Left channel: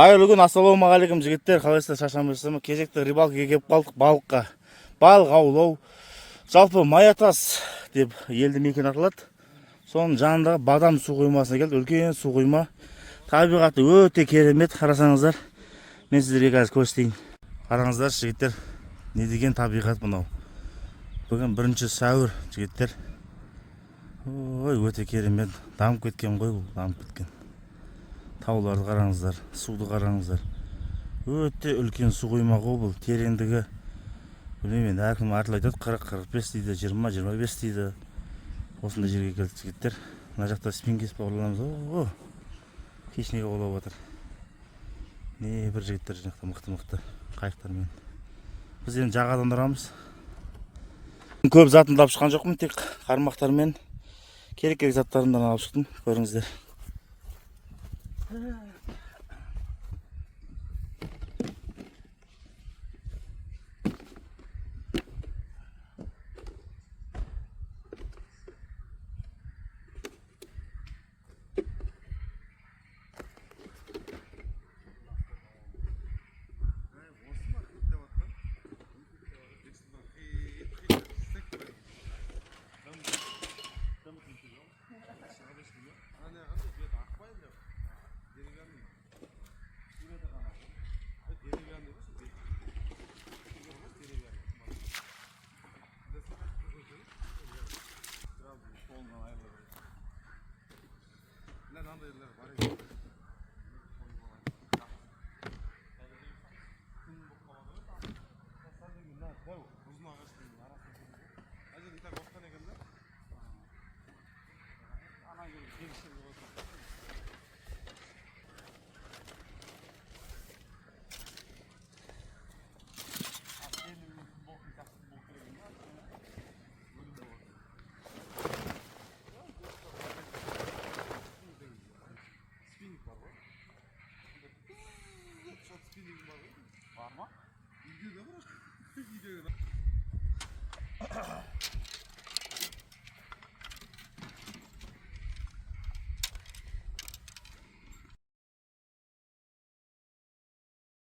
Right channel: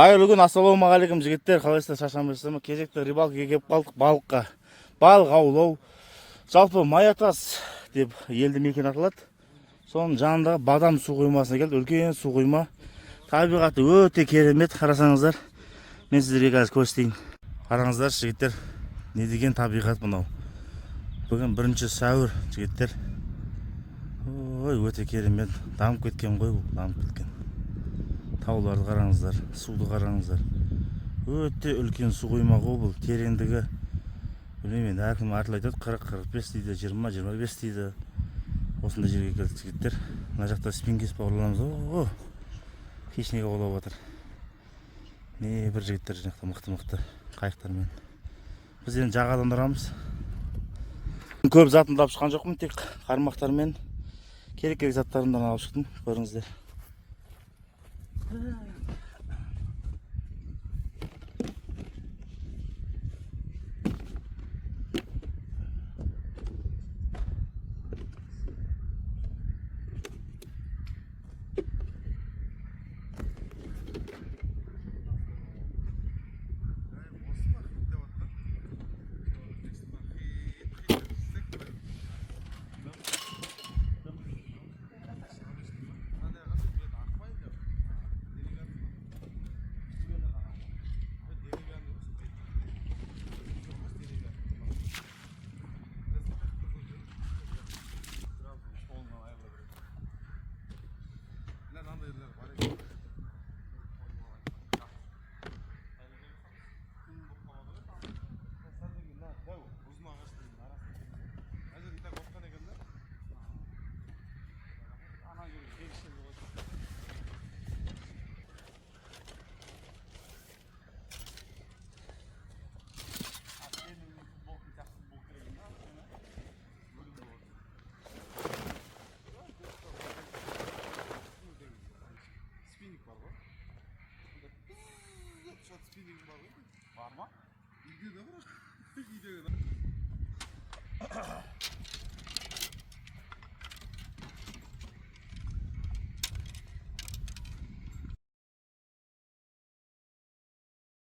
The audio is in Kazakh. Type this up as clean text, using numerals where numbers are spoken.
Қайырлы күн, ассалаумағалейкум жігіттер, қалайсыздар, шаршамайсыздар ма? Кезекті рыбалкаға келіп қалдық, балыққа. Балық аулау. Жалпы Маятас деп елді мекен аталады. Соның жанындағы Бадам су қоймасына келді. Үлкен су қойма. Табиғаты өте керемет, қарасаңыздар. Мен сіздерге қазір көрсетейін. Қараңыздар жігіттер, не деген табиғат мынау. Бүгін 1 сәуір жігіттер. Ой, өте керемет. Дамып кеткен ғой бұл, дамып кеткен. Тауларды қараңыздар, суды қараңыздар. Өте үлкен су қойма ғой бұл. Тереңдігі білмеймін, әркім әртүрлі айтады, 40-45 дейді, 20-25 дейді. Осындай жерге келдік жігіттер. Мына жақта спингис бауырларымыз. О, хищник аулап жатыр. Не бір жігіттер жақта мықты қайықтармен. Біз енді жағадан тұрамыз. Көп затымды алып шыққан жоқпын, тек қармақтармен керек заттарымдан алып шықтым, көріңіздер. Var mı?